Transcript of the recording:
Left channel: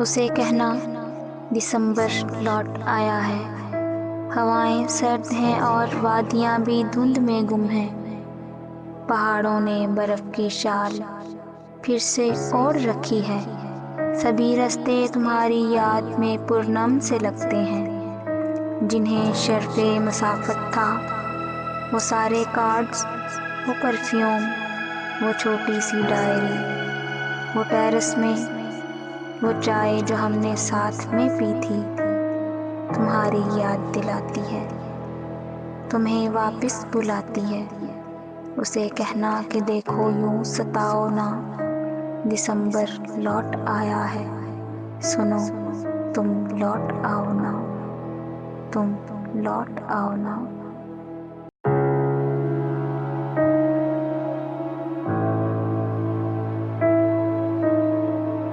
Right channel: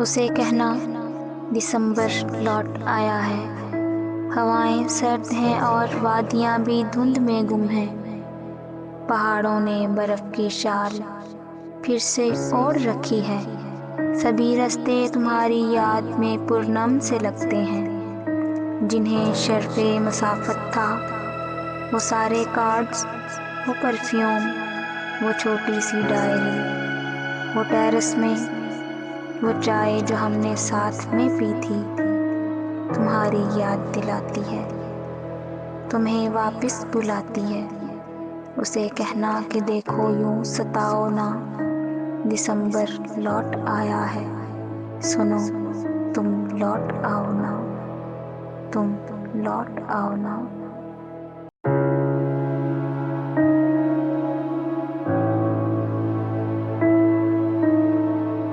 उसे कहना दिसंबर लौट आया है। हवाएं सर्द हैं और वादियां भी धुंध में गुम हैं। पहाड़ों ने बर्फ की शाल फिर से ओढ़ रखी है। सभी रास्ते तुम्हारी याद में पूर्णम से लगते हैं। जिन्हें शर्फ़े मसाफत था, वो सारे कार्ड्स, वो परफ्यूम, वो छोटी सी डायरी, वो टेरेस में वो चाय जो हमने साथ में पी थी, तुम्हारी याद दिलाती है, तुम्हें वापस बुलाती है। उसे कहना कि देखो यूं सताओ ना, दिसंबर लौट आया है। सुनो, तुम लौट आओ ना, तुम लौट आओ ना।